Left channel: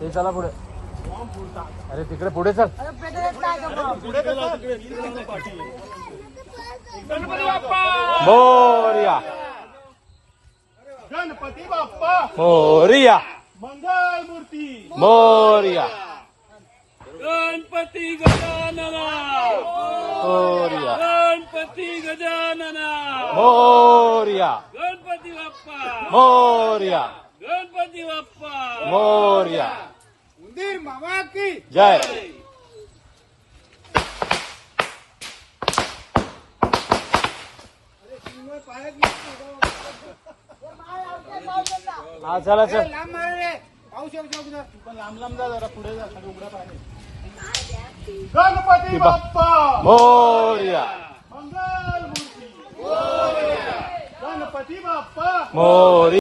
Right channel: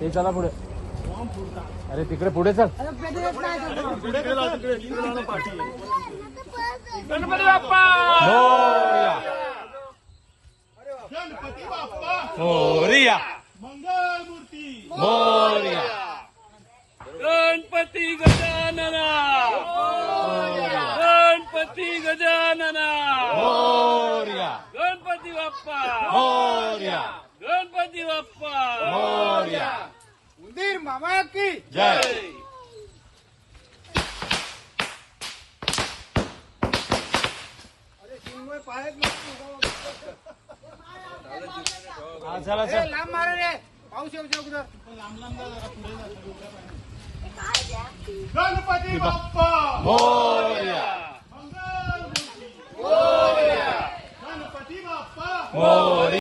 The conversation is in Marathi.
ते चला पुढे. अरे तिकडे पुढे चल. गणपती बाप्पा मोरया. गणपती बाप्पा मोरया. मंगल मूर्ती मोरया. गणपती गजानना मोरया. गणपती गजानना मोरया. गणपती बाप्पा मोरया. गणपती बाप्पा मोरया. उंदीर मामा की जय. हा चला चल. लांब मारा रे पाऊस येऊ शकतो लांब लांब जा जरा पुढे जा उघड्या पाहिजे गणपती बाप्पा मोरया. मंगल मूर्ती गणपती बाप्पा मोरया.